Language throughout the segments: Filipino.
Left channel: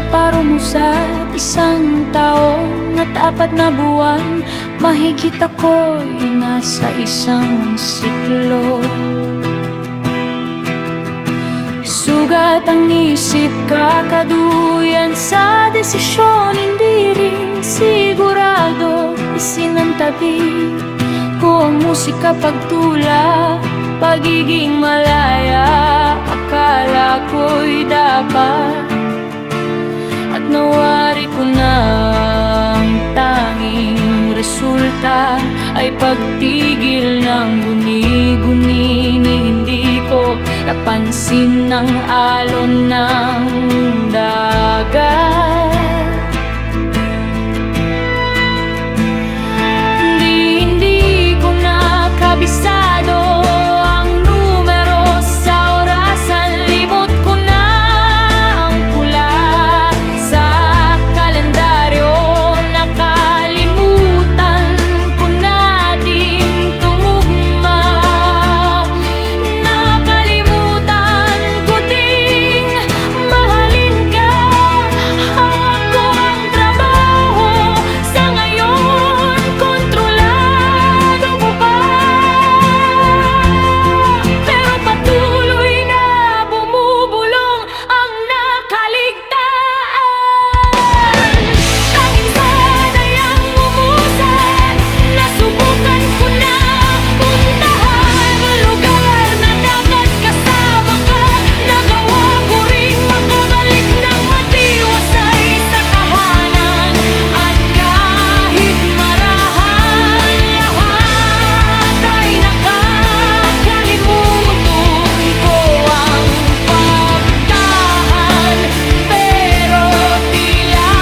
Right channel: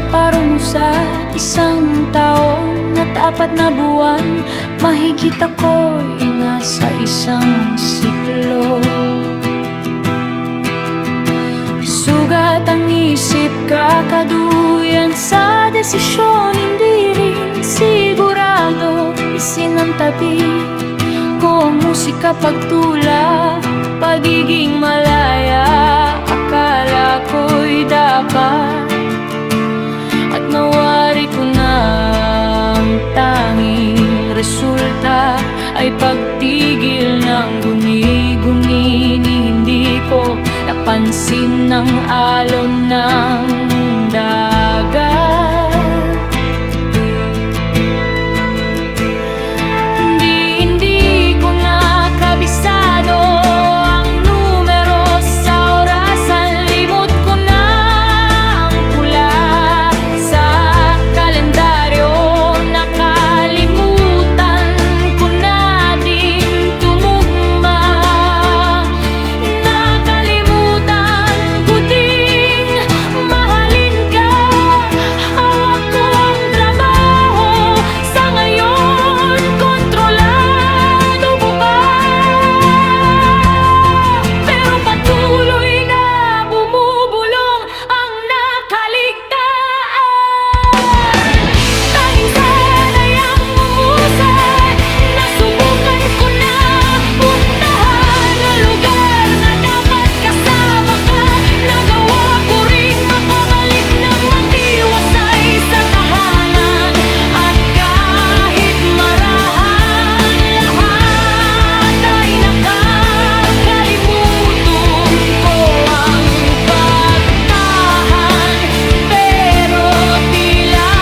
pinaparumusat isang taon at 4 na buwan. Mahigit ako'y nasa isang siklo. Sugat ang isip, kakaduyan sa desisyon. Hindi rin sigurado, isinantabi ko ang musika pagtula. Pagiging malaya, akala ko'y dapat, at nawari ko na ang tanging resulta ay pagtigil ng guni-guni. Hindi ko napansin ng alon ng dagat. Hindi ko na kabisado ang numero sa orasan. Limot ko na ang pula sa kalendaryo. Nakalimutan ko na din tumugma. Nakalimutan ko ding mahalin ka. Hawak ko ang trabaho sa ngayon, kontrolado mo pa. Pero patuloy na bumubulong ang nakaligtaan. Tanging sana'y ang umusad. Nasubukan ko na puntahan ang lugar na dapat kasama ka. Nagawa ko ring makabalik ng matiwasay sa tahanan. At kahit marahan, lahat ay nakakalimutan ko ang pagtahan. Pero tila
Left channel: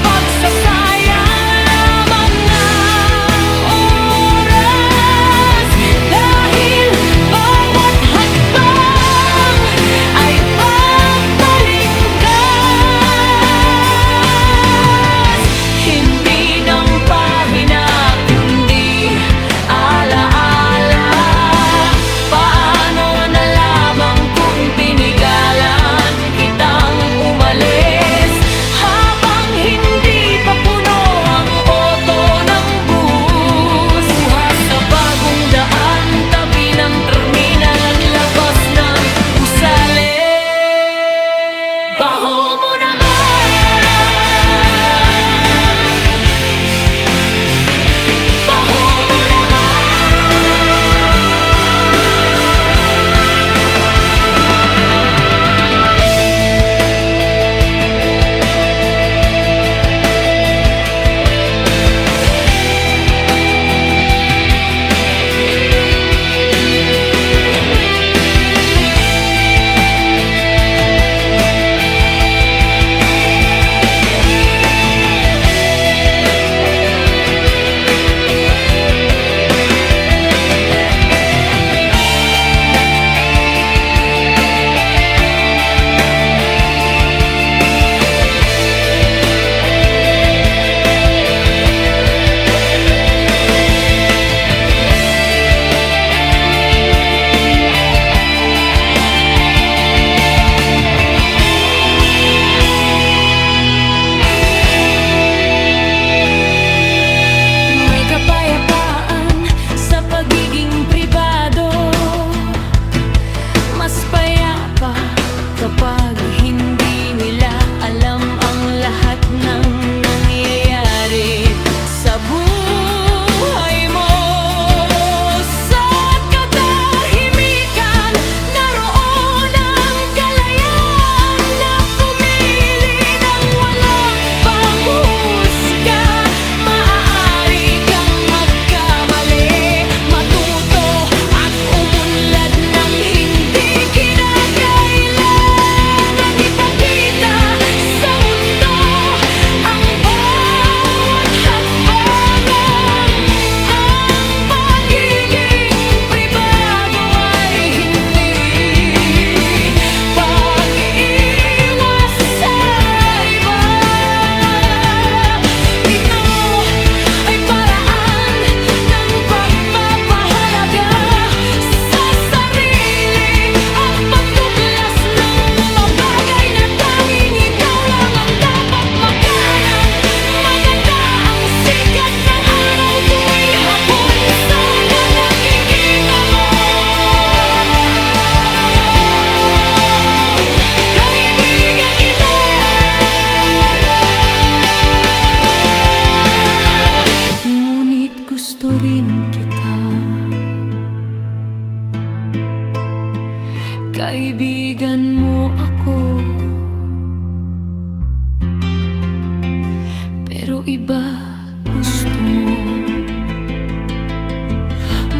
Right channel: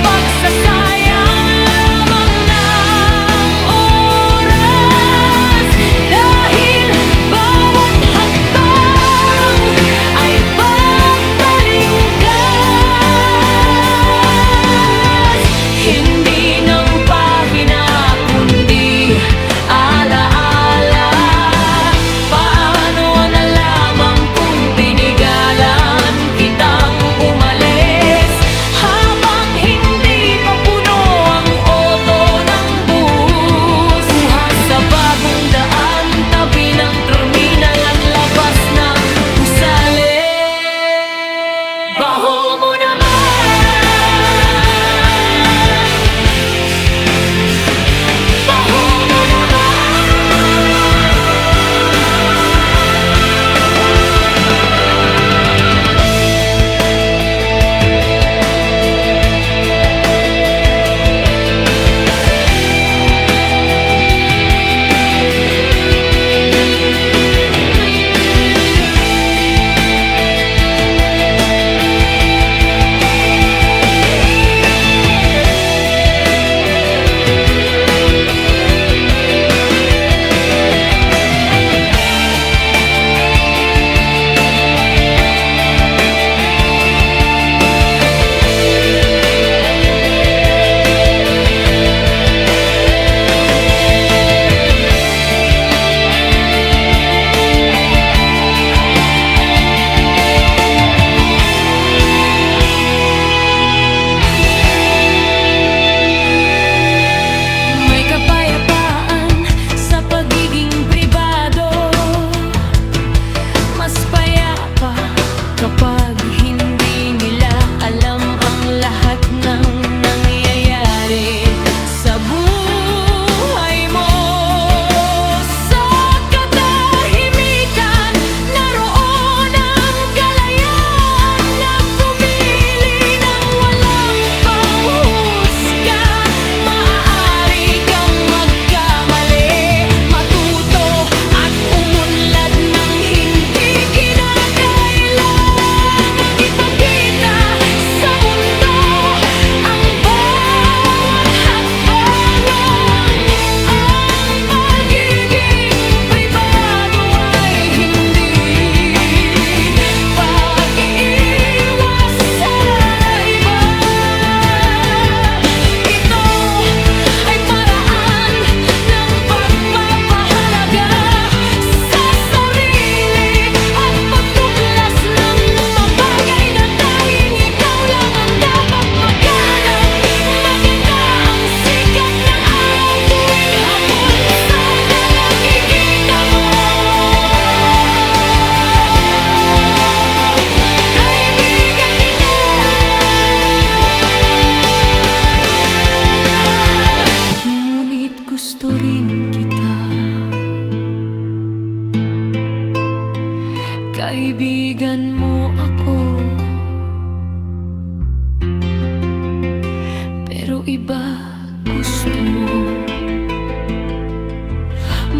pagsasayang lamang ng oras. Dahil bawat hakbang ay pagbalingkas. Hindi ng pahina kundi alaala. Paano na lamang kung tinigalan kitang umalis, habang hindi pa puno ang oto ng bus. Buhat sa bagong daan, tabi ng terminal at labas ng gusali. Baho mo naman, baho mo may kapayapaan sa pagiging pribado. Mas payapa kapag hindi nila alam ang lahat ng nangyayari sa buhay mo. Sa katahimikan, naroon ang kalayaan na pumili ng walang panghusga. Maaari kang magkamali, matuto at umunlad ng hindi kinakailangang ipakita sa mundo. Ang kaibigan mo ako. Pero iba gusto mo.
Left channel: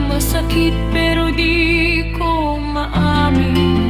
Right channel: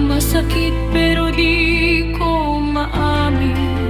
Masakit pero di ko maamin,